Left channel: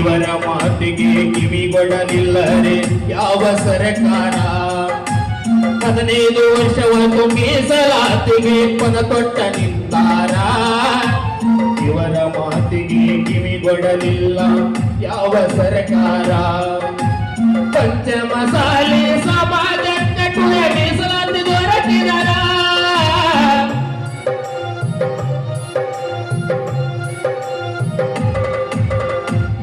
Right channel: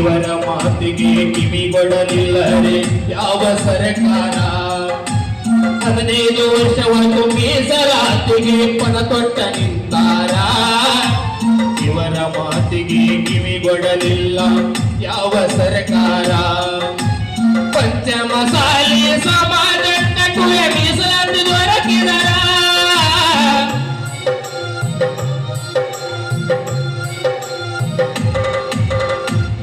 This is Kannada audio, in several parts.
ಇವರ ಮಾತಿಗೆ ಕಿವಿಗೊಡಲಿಲ್ಲರೆ ಯಾವ ಸರ್ಕಾರ 15 ವರ್ಷವನ್ನು ಮೀಸಲಾತಿಗೆ ಪದ ಕೊಟ್ಟ ನಿಂತಾರ ಇವರ ಮಾತಿಗೆ ಕಿವಿಗೊಡಲಿಲ್ಲ ಯಾವ ಸರ್ಕಾರ ಪಂಚಮಸಾಲಿ ಸಮಾಜಕ್ಕೆ ಕುಲ ಮೀಸಲಾತಿ ದೊರಕಿದ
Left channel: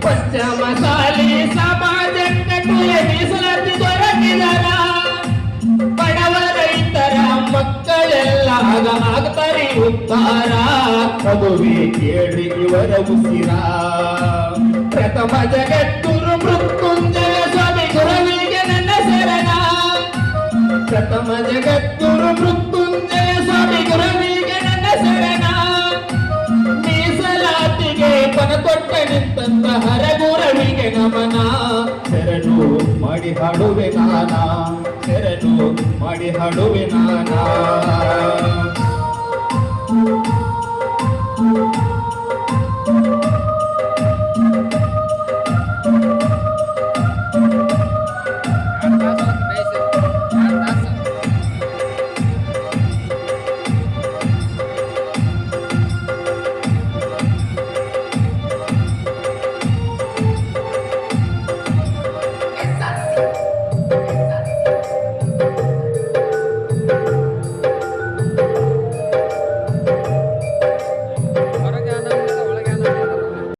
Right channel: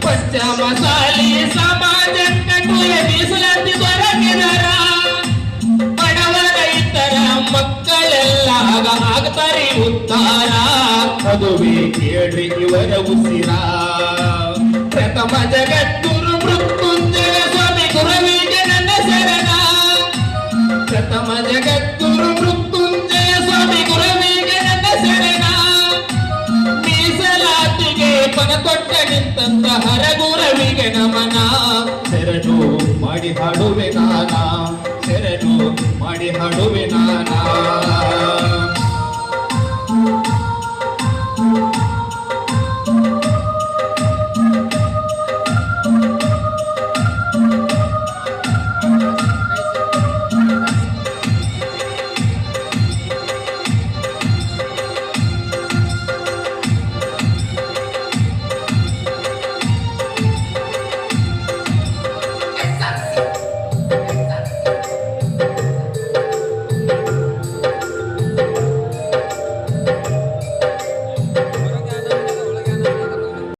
ಪಂಚಮಸಾಲಿ ಸಮಾಜಕ್ಕೆ ಕುಲ ಮೀಸಲಾತಿ ದೊರಕಿದರ ಬಡವರ ರೈತರ ಮಕ್ಕಳೆಲ್ಲ ಆಗ್ತಾರೆ ಉದ್ಧಾರ ಮದುವೆ ಕೇಳ್ರಿ ಇವರ ಉಸಿರ ಪ್ರಥಮ ಜಗದ್ಗುರು ಮೃತ್ಯುಂಜಯ ಸ್ವಾಮಿ ಗುರುವಿಗೆ ನನ್ನ ಶರಣ ಪ್ರಥಮ ಜಗದ್ಗುರು ಮೃತ್ಯುಂಜಯ ಸ್ವಾಮಿ ಗುರುವಿಗೆ ನನ್ನ ಶರಣ ಮೀಸಲಾತಿಗೆ ಪದ ಕೊಟ್ಟ ನಿಂತ ಹರಗುರವಿಗೆ ನಮನ ಶರಣು ಮಾಡಿ ಹಾಡುವೆ ನಾನ ಶರಣು ಮಾಡಿ ಹಾಡುವೆ ನಾನ